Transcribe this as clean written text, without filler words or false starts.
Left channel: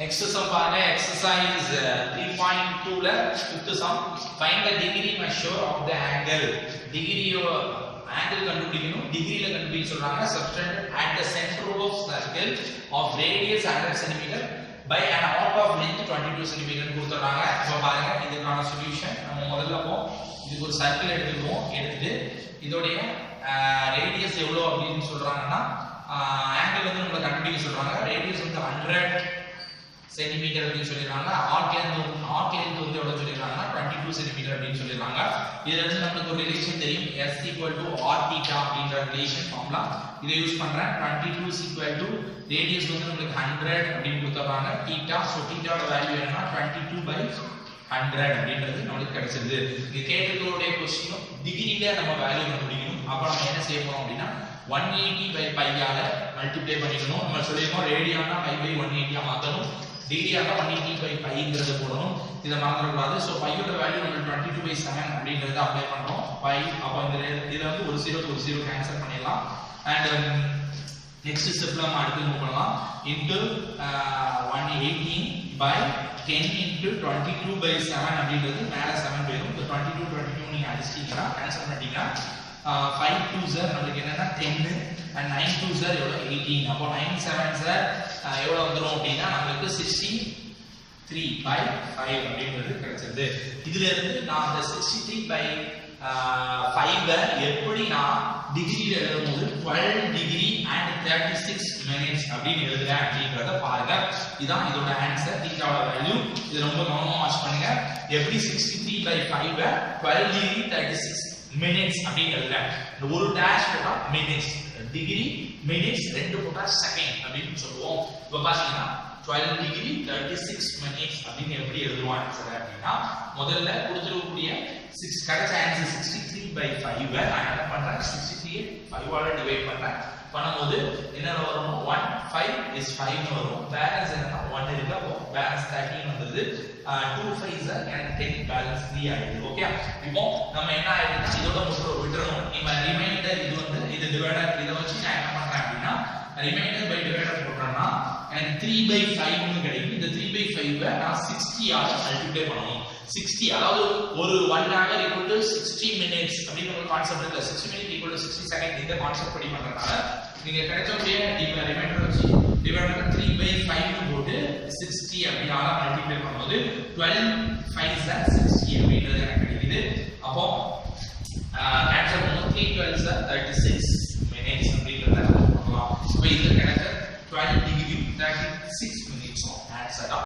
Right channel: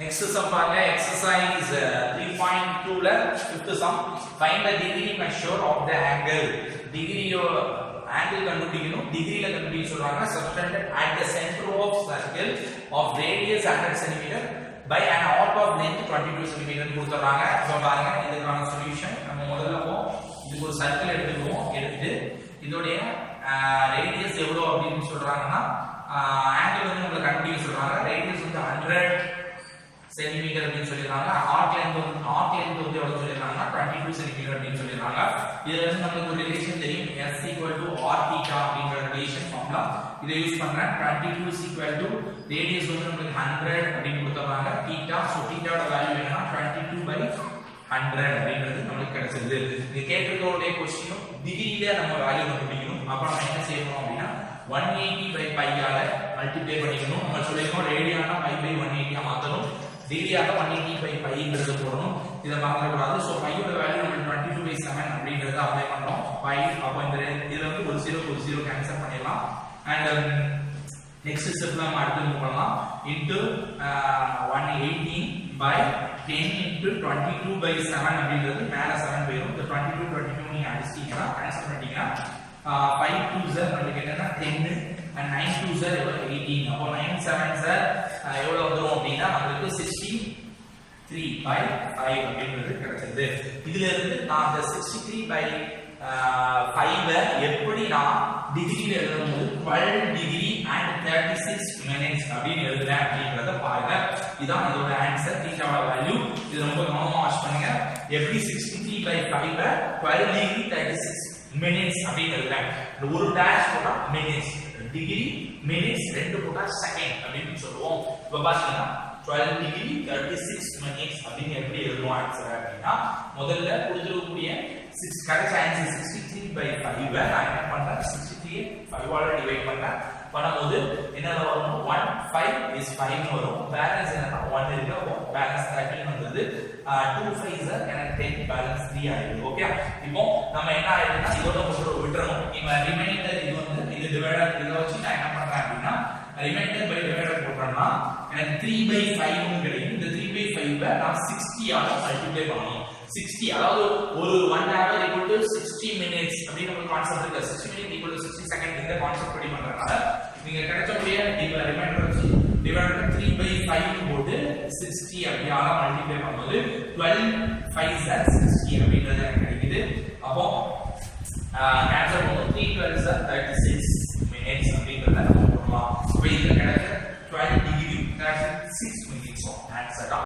Next sum பாருங்க exercise 3.2 ல fifth sum find the degree measure of the angle degree angle கண்டுபிடிக்கணும் டிகிரில கண்டுபிடிக்க சொல்றாங்க subtended at the center of circle of radius 100 cm by an arc of length 22 cm கொடுத்துறாங்க. இப்போ பாருங்க இதுக்கான solution நம்ம முதல்ல இதுக்கு ஒரு சர்க்கிள் எடுத்துக்குவோம். எடுத்துட்டு இதோடைய ரேடியஸ் எவ்வளவு அப்படின்னு சொல்றாங்கன்னா ஆங்கிள் வந்து நமக்கு கண்டுபிடிக்க சொல்றாங்க. ரேடியஸ் வந்து 100 சென்டிமீட்டர் அப்படின்னு சொல்லிருக்காங்க. ஆர்க் லென்த் வந்து எவ்வளவு சொல்லிருக்காங்கன்னா 22 சென்டிமீட்டர் அப்படின்னு சொல்லிருக்காங்க. இதுல இருந்து நமக்கு ஒரு ரிலேஷன் தெரியும் s r θ அப்படிங்கற ரிலேஷன் ஃபார்முலா இதை யூஸ் பண்றேன். 22 ரேடியஸ் வந்து நமக்கு 100 அப்படின்னு கொடுத்துறாங்க. θ சோ θோட வேல்யூ என்னன்னா 22/100 அப்படின்றது நமக்கு கிடைச்சது. இது கேட்டிருக்கக்கூடிய क्वेश्चन டிகிரில நம்ம வேல்யூ கண்டுபிடிக்கணும். அப்ப நம்ம என்ன செய்யணும் அப்படினா 180/π ஆல மல்டிப்ளை பண்ணிக்கணும். நம்ம சொல்லிருக்கோம் ரேடியனா π/180 ஆ மாத்தணும். டிகிரியாக 180/πங்கிறது போடணும். இத மறந்துட கூடாது. சோ πயோட வேல்யூ நம்ம 22/7 அப்படிங்கறத அப்ளை பண்றோம். π அப்ப இந்த இதுல வந்து ஒரு 0 கேன்சல் பண்ணிடலாம். அண்ட் நெக்ஸ்ட் ஸ்டெப்ல நம்ம அடுத்து மூவ் பண்ணலாம். இன்டு 118/10 இன்டு 22/7 அப்படிங்கிறது மேல 7 போயிடும். இந்த 22 நீங்க அடிச்சிட்டீங்கன்னா கேன்சல் பண்ணிட்டீங்கன்னா 5 2s நமக்கு என்னன்னா 10 and 9 2s எவ்வளவு 18. அப்போ 9 7s எவ்வளவு வந்துரும் அப்படினா நமக்கு 63/5 அப்படிங்கிறது கிடைச்சது. இதுல இருந்து நான் அந்த 63/5 எப்படி நான் டிகிரில எழுதும்போது 12 டிகிரி and 36 minutes அப்படின்னு எழுதுறேன் அப்படிங்கறத பாருங்க. இதான் இதோட ஆன்சர். தீட்டாவோட வேல்யூ இது ரொம்ப கவனமா வாட்ச் பண்ணுங்க. எப்படி 63/5 12 டிகிரி 36 minutes அப்படின்னு எழுதுறேன். ஒரு டேஷ் போட்டா minutes, டிகிரி minutes, ரெண்டு போட்டா செகண்ட் அப்படின்னு சொல்லுவோம். இப்போ பாத்தீங்கன்னா 12 டிகிரி 36 minutes அப்படின்னு எப்படி எழுதுறோம் ஆன்சர் அப்படின்னா முதல்ல கொடுத்திருக்கக்கூடிய 6 கரெக்ட் ஆன்சர் 63/5 நான் என்ன பண்றேன் 63 5 ஆல டிவைட் பண்றேன். பண்ணும்போது என்ன வரும் 1 5 is 5 னு வரும். பேலன்ஸ் என்னன்னா 1 இருக்கு. அப்போ பேலன்ஸ் 13 வந்தது. 2 5s எனக்கு 10 பேலன்ஸ் 3 ஆயிடுது. ஓகே இப்போ நம்ம என்ன ஆயிடுதுன்னா இதோட மட்டும் விட்டுறணும். இப்போ ரிமைண்டர் இது வந்து இது டிவைடர் இத வச்சு நான் என்ன பண்றேன் அப்படின்னா ரிமைண்டர் பை டிவைடர் போட்டேன்னா எனக்கு 3/5 னு கிடைக்கும். இந்த 3/5 நான் 60 ஆல மல்டிப்ளை பண்ணனும். 60 அதாவது ஒரு 1 hour equal to 60 minutes அப்படின ஒரு கான்செப்ட் இருக்கு. 60 minutes equal to 60 seconds இந்த கான்செப்ட் படி பண்றனால நீங்க கிடைச்சக்கூடிய ரிமைண்டர் வச்சு டிவைடர் 3/5 னு போட்டு 60 அப்படி ஆல மல்டிப்ளை பண்ணும்போது 12 5s 60 அப்படின்றது எனக்கு கிடைக்குது. அப்போ கேன்சல் பண்ணும்போது 3 12s 36